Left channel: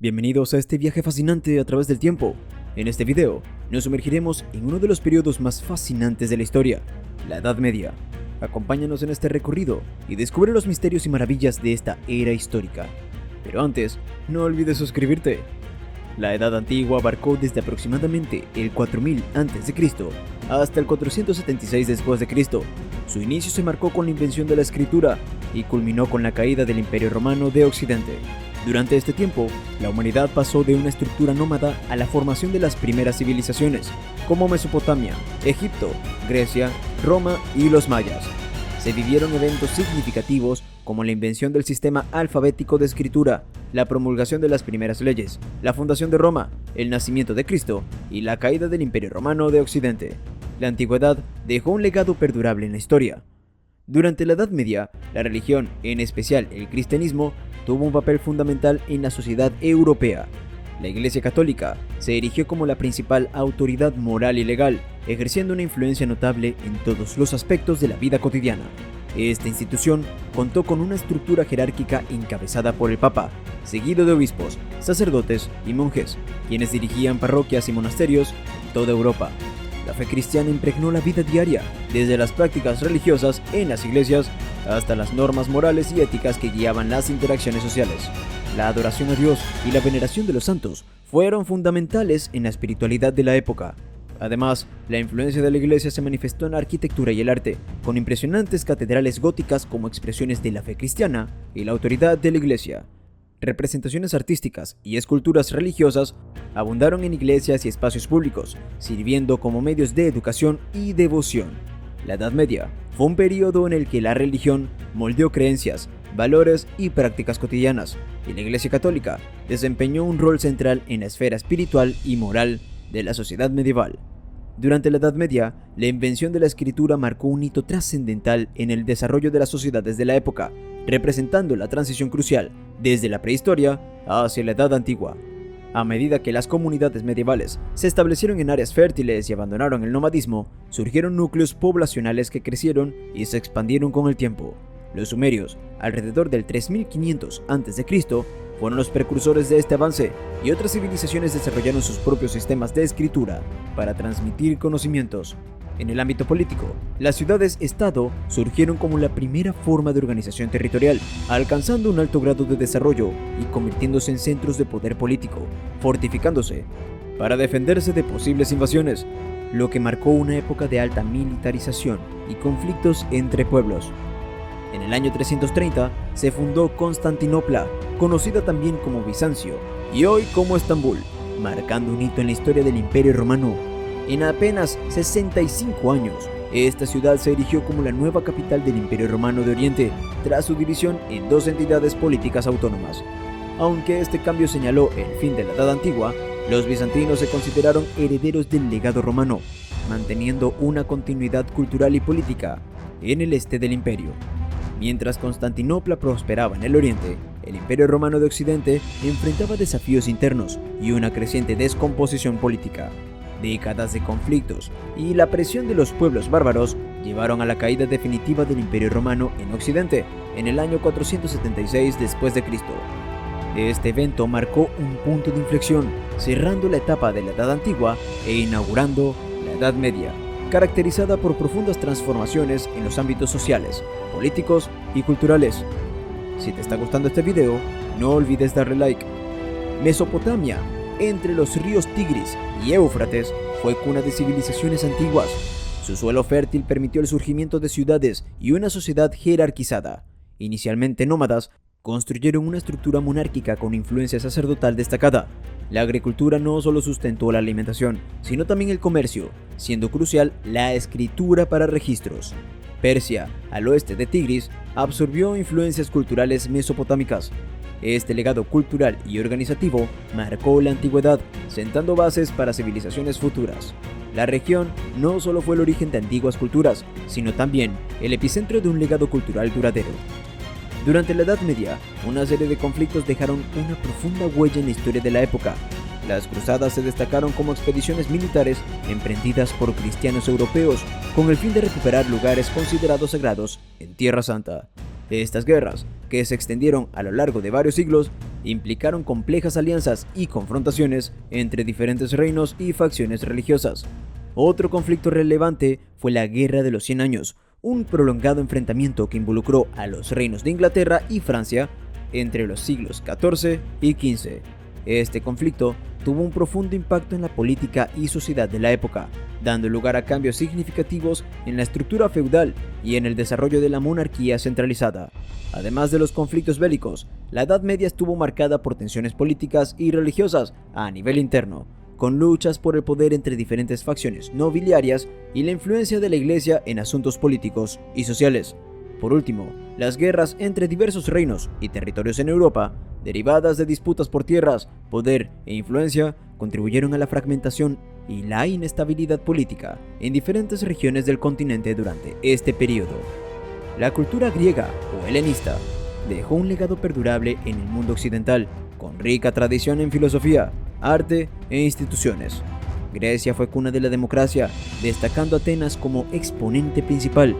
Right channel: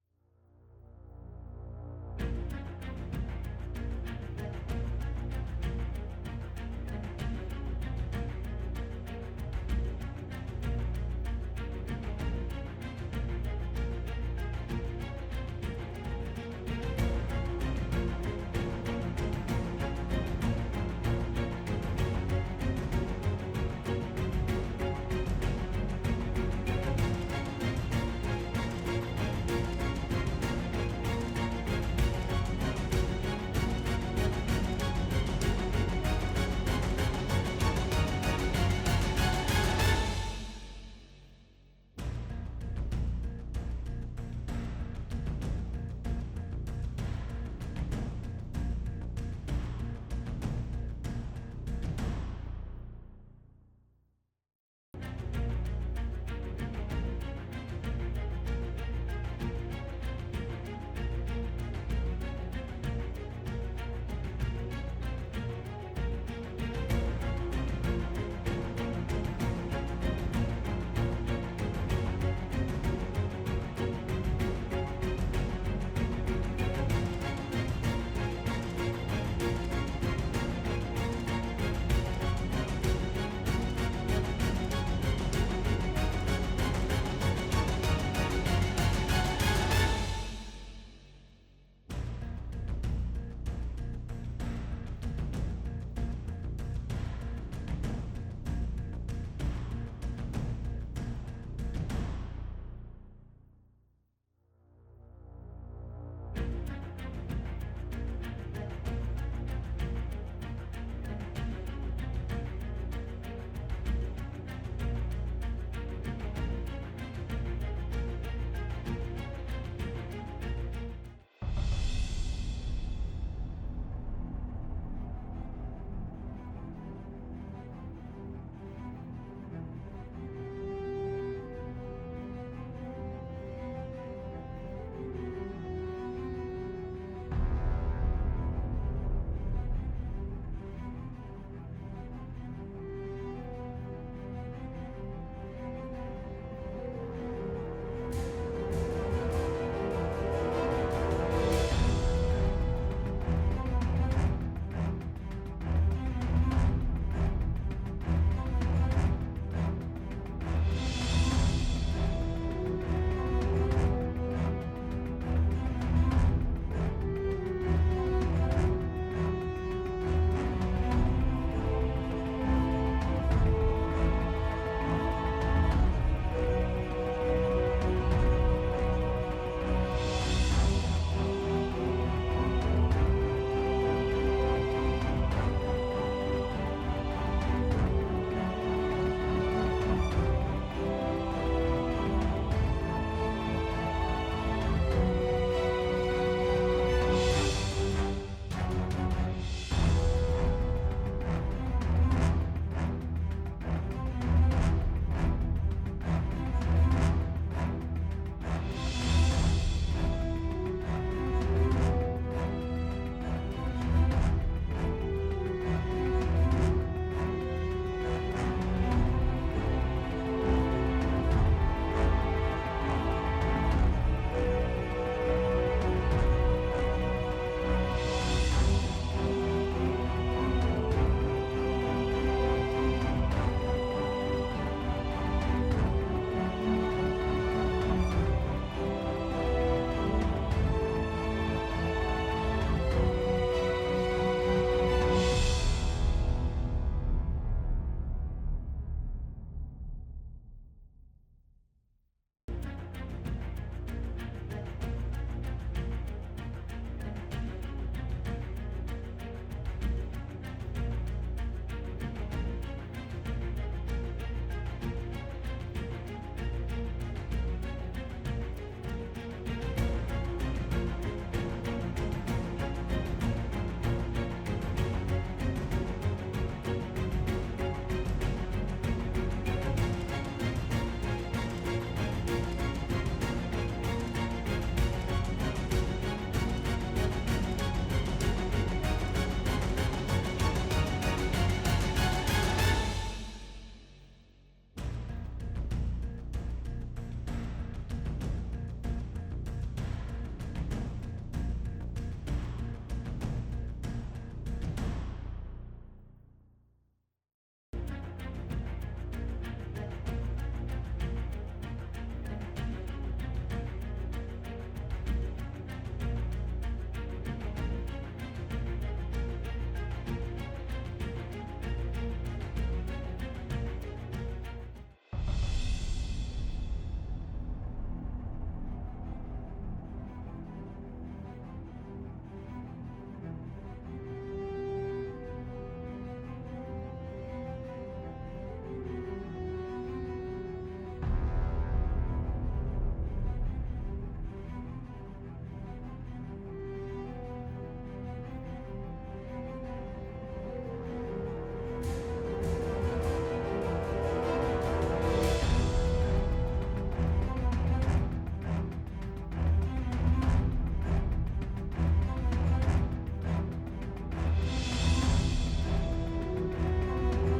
Bienvenidos a este viaje fascinante a través del tiempo. En este video nos sumergiremos en uno de los periodos más fascinantes de la historia, la Edad Media. Acompáñanos en este recorrido y descubre los misterios y maravillas de esta era histórica. Pero antes, no olvides suscribirte. La Edad Antigua abarcó desde aproximadamente el 4000 a.C. hasta el 476 después de Cristo. Su inicio se marcó con la invención de la escritura y culminó con la caída del Imperio Romano de Occidente. Durante este tiempo, la humanidad pasó de una estructura nómada a la formación de las primeras civilizaciones, como Mesopotamia, Egipto, Grecia, Roma y los mayas. Se vivieron eventos significativos como la invención del sistema alfabético de escritura, la promulgación de las primeras leyes, la fundación de Roma, el nacimiento de Cristo y la caída del Imperio Romano de Occidente. La antigüedad dejó un legado perdurable en la historia. Durante la Edad Media, la religión, en especial el cristianismo, tuvo un papel fundamental en la sociedad europea. La Iglesia Católica se erigió como la principal autoridad moral y legal, ejerciendo una influencia notable en todos los aspectos de la vida cotidiana. Esta institución contó con una estructura jerárquica encabezada por el Papa, seguido de obispos, sacerdotes y monjes, quienes dirigían parroquias y monasterios en toda Europa. La fe cristiana impregnó la vida diaria, desde las prácticas religiosas en las iglesias hasta las normas morales y éticas que guiaban las interacciones sociales. La adoración a Dios y la veneración de los santos fueron fundamentales en la espiritualidad de la época. Además, la influencia de la iglesia se manifestó en la arquitectura y el arte, con impresionantes catedrales góticas como expresiones de la fe cristiana y la autoridad de la iglesia. Representaciones artísticas y esculturas religiosas abundaron en iglesias y espacios públicos, sirviendo como medios de educación y devoción. La Edad Media fue un periodo en el que la religión moldeó creencias, valores y prácticas cotidianas, y la Iglesia Católica desempeñó un rol central en la esfera espiritual y moral de la sociedad medieval. Durante la Edad Media, la invención de la escritura marcó un hito trascendental en el desarrollo de las sociedades de la época, representando la transición crucial desde la prehistoria hacia la Edad Antigua. A medida que las comunidades medievales se establecieron en áreas fértiles y abandonaron el nomadismo, surgieron núcleos poblacionales que crecieron y se expandieron con el tiempo. Los sumerios, alrededor del 3500 a.C., fueron los precursores de este avance, y otras civilizaciones desarrollaron sus propios sistemas de escritura para transmitir conocimientos. En el ámbito político, las ciudades-estado surgieron como la primera forma de organización territorial, alcanzando un alto grado de desarrollo y convirtiéndose en centros de poder político, fortificándose para defenderse de posibles invasiones, lo que marcó una época de alta militarización y conflictos entre pueblos. En el año 330 se fundó Constantinopla, conocida también como Bizancio, y hoy como Estambul, marcando un hito en la historia del Imperio Romano. En apenas 65 años, esta ciudad se erigió como la nueva capital del Imperio Romano de Oriente, tras su división en dos entidades políticas autónomas. Aunque este cambio señaló el fin de la Edad Antigua, los bizantinos se consideraron herederos del legado romano, manteniendo una continuidad cultural y política en el este del imperio. Mientras Constantinopla prosperaba en el oriente, el Imperio Romano de Occidente enfrentaba desafíos internos y una creciente descomposición política. Décadas de conflictos y la presión de los pueblos bárbaros llevaron a la caída definitiva del Imperio Romano en Occidente en el año 476 después de Cristo. Este evento marcó un punto de inflexión, cerrando la etapa de la Edad Antigua e inaugurando la Edad Media, caracterizada por profundas transformaciones en los ámbitos sociales, políticos y culturales. Si te está gustando este video, no olvides darle like. Mesopotamia, entre los ríos Tigris y Éufrates, fue cuna de civilizaciones antiguas. Su suelo fértil permitió el surgimiento de ciudades y una sociedad jerarquizada. Inicialmente nómadas, construyeron una estructura monárquica con influencia sacerdotal destacada. La agricultura no solo sustentó la alimentación, sino también el comercio, siendo crucial la escritura para registros. Persia, al oeste de Tigris, absorbió influencias culturales mesopotámicas. Este legado cultural y organizativo marcó la antigüedad, sentando bases para civilizaciones futuras. La región no solo fue el origen de antiguas culturas, sino también el epicentro de un legado cultural duradero. Durante la Edad Media, una serie de conflictos dejaron una profunda huella en la historia de la época. Las cruzadas se destacaron como expediciones militares emprendidas por cristianos europeos con el fin de recuperar lugares considerados sagrados en Tierra Santa. Estas guerras que se extendieron a lo largo de varios siglos, implicaron complejas alianzas y confrontaciones entre diferentes reinos y facciones religiosas. Otro conflicto relevante fue la Guerra de los 100 Años, un prolongado enfrentamiento que involucró a los reinos de Inglaterra y Francia entre los siglos XIV y XV. Este conflicto tuvo un profundo impacto en la política y sociedad de la época, dando lugar a cambios significativos en la estructura feudal y en el desarrollo de la monarquía centralizada. Además de los conflictos bélicos, la Edad Media estuvo marcada por tensiones políticas y religiosas a nivel interno, con luchas por el poder entre diferentes facciones nobiliarias y la influencia de la Iglesia en asuntos políticos y sociales. Por último, las guerras entre diversos reinos y territorios en Europa, derivadas de disputas por tierras, poder e influencia, contribuyeron a la fragmentación y la inestabilidad política en diferentes regiones del continente durante este periodo. La cultura griega o helenista dejó un legado perdurable en el mundo occidental, con rica tradición en filosofía, arte e instituciones. Grecia fue cuna de la democracia, destacando Atenas como exponente principal.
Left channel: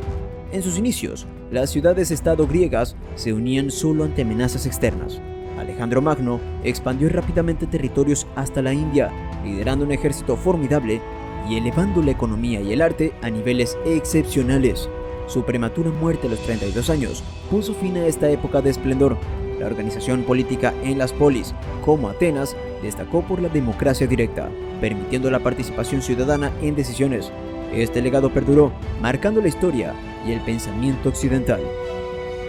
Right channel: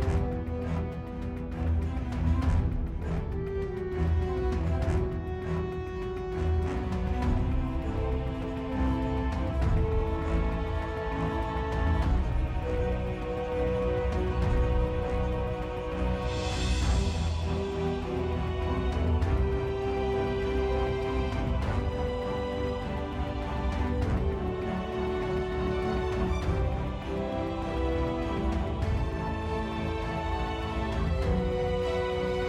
En sus inicios, las ciudades-estado griegas se unían solo ante amenazas externas. Alejandro Magno expandió rápidamente territorios hasta la India, liderando un ejército formidable y elevando la economía y el arte a niveles excepcionales. Su prematura muerte a los 32 años puso fin a esta época de esplendor. La organización política en las polis, como Atenas, destacó por la democracia directa, permitiendo la participación ciudadana en decisiones. Este legado perduró, marcando la historia y el pensamiento occidental.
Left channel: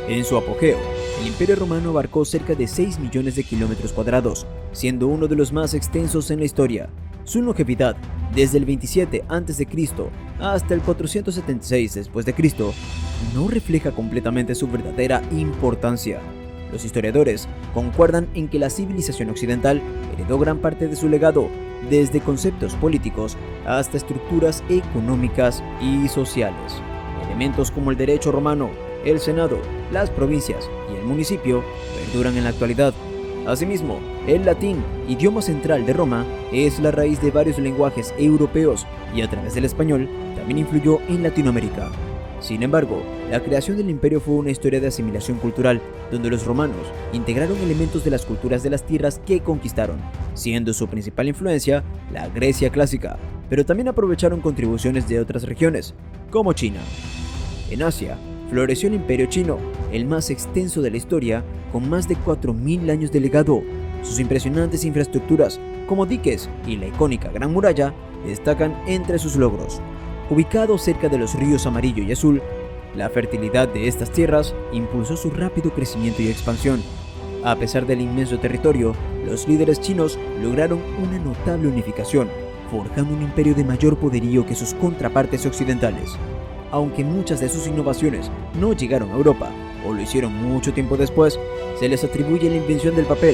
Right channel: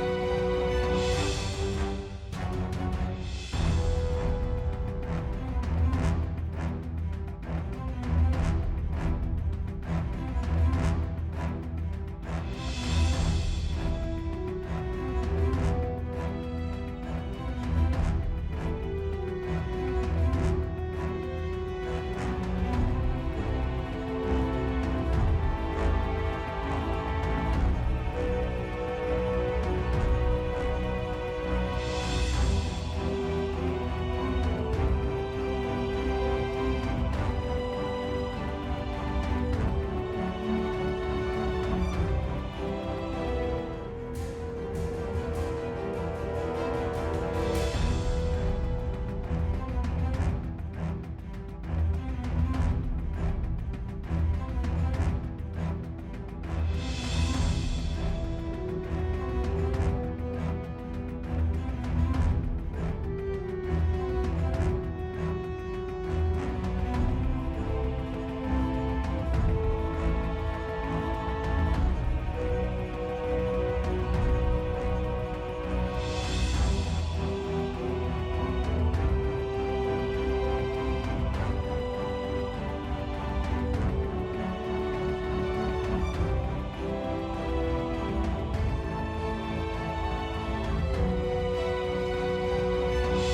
En su apogeo, el Imperio Romano abarcó cerca de 6 millones de kilómetros cuadrados, siendo uno de los más extensos en la historia. Su longevidad, desde el 27 a.C. hasta el 476 d.C., no refleja completamente su verdadera importancia. Los historiadores concuerdan en que la civilización occidental heredó gran parte de su legado, desde conceptos políticos hasta estructuras económicas y sociales. Elementos como el derecho romano, el Senado, las provincias y el municipio perduran en la actualidad. Asimismo, el latín, idioma central de Roma, es la raíz de varios lenguajes europeos y a través del español también influyó en Latinoamérica. Sin embargo, la creación del imperio fue una historia de asimilación cultural, donde los romanos integraron elementos de las culturas de las tierras que conquistaron, siendo su principal influencia la Grecia clásica, pero también aprovecharon contribuciones de otras regiones, como China. En Asia, floreció el Imperio Chino, el más extenso de la historia, con más de 4.000 años de legado. Sus impresionantes infraestructuras, como diques y la icónica Gran Muralla, destacan entre sus logros. Ubicado cerca de los ríos Amarillo y Azul, la fertilidad de estas tierras impulsó su rápido crecimiento y expansión. A pesar del inmenso territorio, los líderes chinos lograron una notable unificación, forjando un imperio de mayor poderío que sus contrapartes occidentales. Aunque muchas de sus innovaciones no llegaron a Europa, o lo hicieron mucho tiempo después, se les atribuye la invención del papel,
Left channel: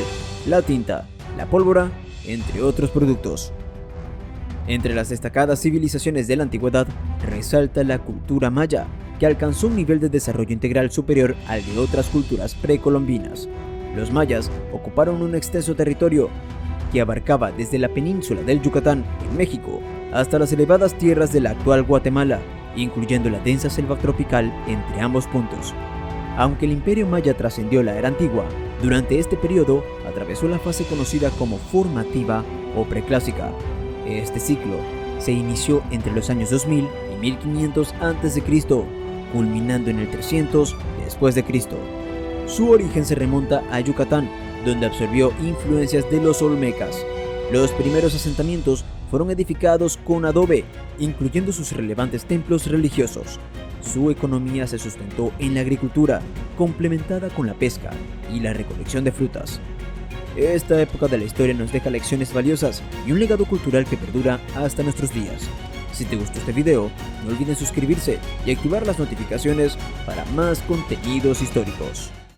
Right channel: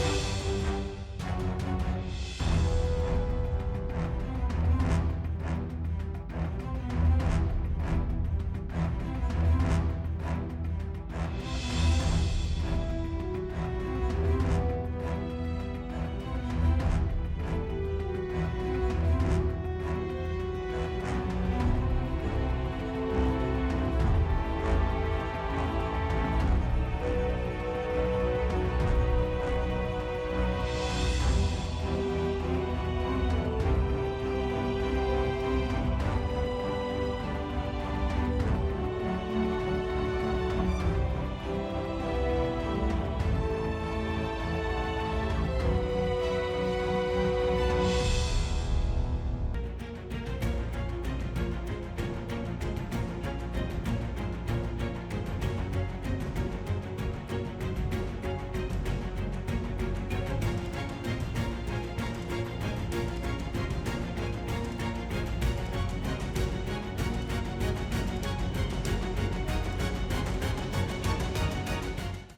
la tinta, la pólvora, entre otros productos. Entre las destacadas civilizaciones de la antigüedad, resalta la cultura maya, que alcanzó un nivel de desarrollo integral superior al de otras culturas precolombinas. Los mayas ocuparon un extenso territorio que abarcaba desde la península del Yucatán, en México, hasta las elevadas tierras de la actual Guatemala, incluyendo la densa selva tropical entre ambos puntos. Aunque el imperio maya trascendió la era antigua, durante este periodo atravesó la fase conocida como formativa o preclásica. Este ciclo se inició entre los años 2000 y 1500 a.C., culminando en el 300 después de Cristo. Su origen se remonta a Yucatán, donde absorbió influencias de los olmecas. Los primeros asentamientos fueron edificados con adobe, incluyendo sus relevantes templos religiosos. Su economía se sustentó en la agricultura, complementada con la pesca y la recolección de frutas. Esta época de la historia nos deja lecciones valiosas y un legado cultural que perdura hasta nuestros días. Si te gustó este video, no olviden suscribirse y activar las notificaciones para más contenidos históricos.